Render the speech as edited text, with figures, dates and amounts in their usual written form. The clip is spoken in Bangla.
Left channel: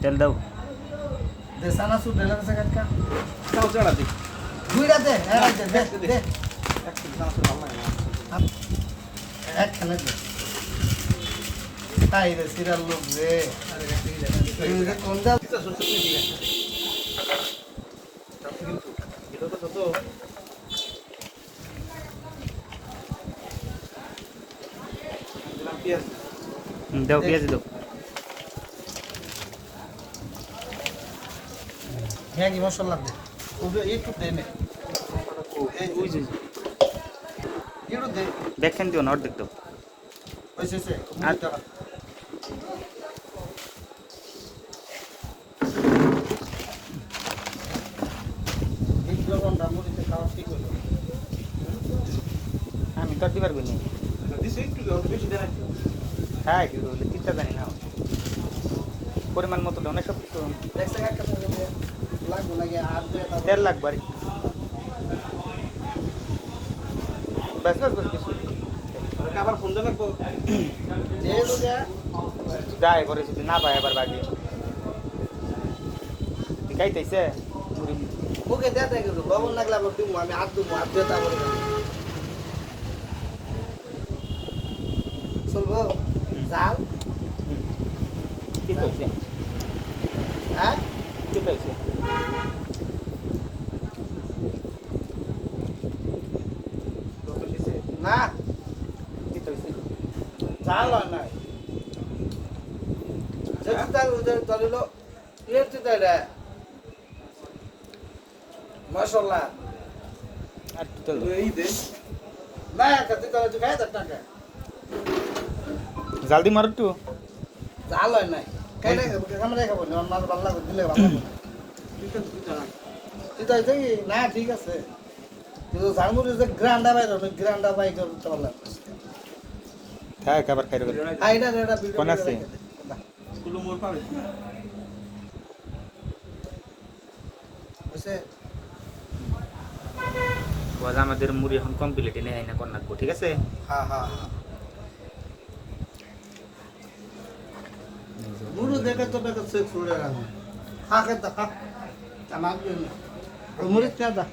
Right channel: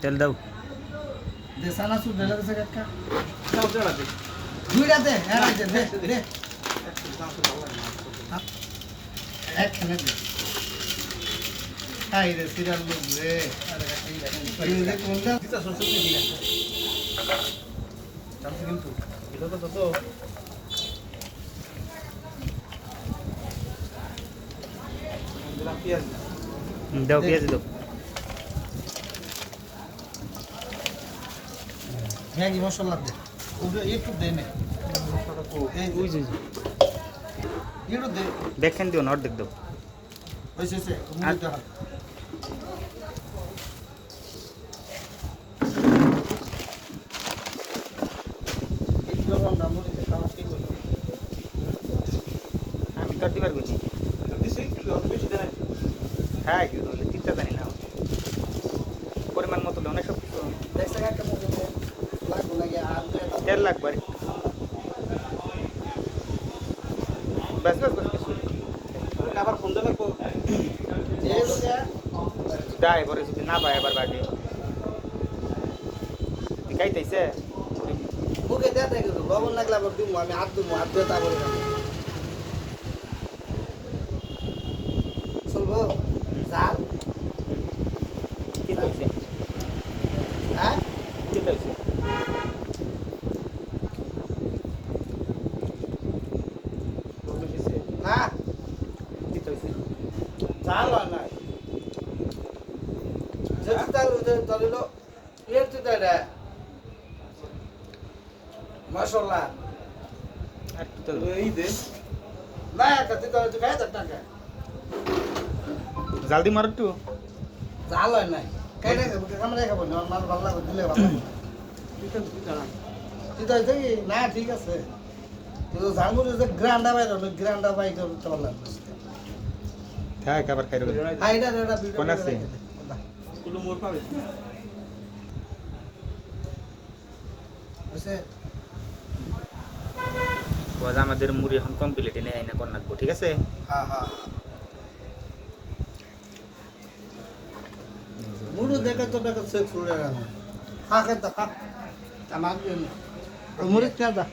তেল দাও দে সানা সুদ ঢেলে বসে কাকা চাও চড়া দে দুইটা দে দে দে একখানে দে তাই রে সিরাল লোক রে কোনটা এটা কত তো দাও পেঁয়াজ দাও হ্যাঁ কি মশলা দে একটু দে নে ওই যে একটু দে দেখেন দিও না অর্ধেক দাও ওইসে আমি কাটি পারবো না দিছে একটু বেশি দেন হ্যাঁ কি বলে তিনটা জানি না পরিমাণ মতো দাও না সব কিছু দেখছে কাকা লাগবে লাগে আর তেল লাগবে আর একটু। বাস বাস বাস বাস। আবার ফোন দেন লাগবো এই লোকে দায় করে যদি না পায় আবার বাড়ি গাইতেছে ওকে দে দে লবণ লাগলে আবার দিমু আমি হাত দিয়ে তারপরে চলবো জাল কি করছে হ্যাঁ কি করছে না কি করছে জাল হয় না সেটা চলিল এর চিন্তা রে মাশাআল্লাহ আর কি তো এই দে না কাছে তো খাই দেখ না জাল দি মার একটু জাল হয় নাই খাই না আমরা খাবো না আমার ভালো লাগে দিলে ভালো লাগে তুই তো কি না ঠিক আছে তুই তো জানবো যে গ্রান্ডা বাই করতে পারলাম হ্যাঁ খাবার খাই দেবে আইডা রেডা ভিডিও কোন আছে? তুলো মোর পাবে এসে ওয়াজ আমাদের মুড়ি এখন কমপ্লিট এনে আইনা কর নাকবো ঠিক আছে হ্যাঁ হ্যাঁ মুরু দেখে তো দেখে সে ফুলে রাখো খা খেতে খা আমার মুড়ি না দা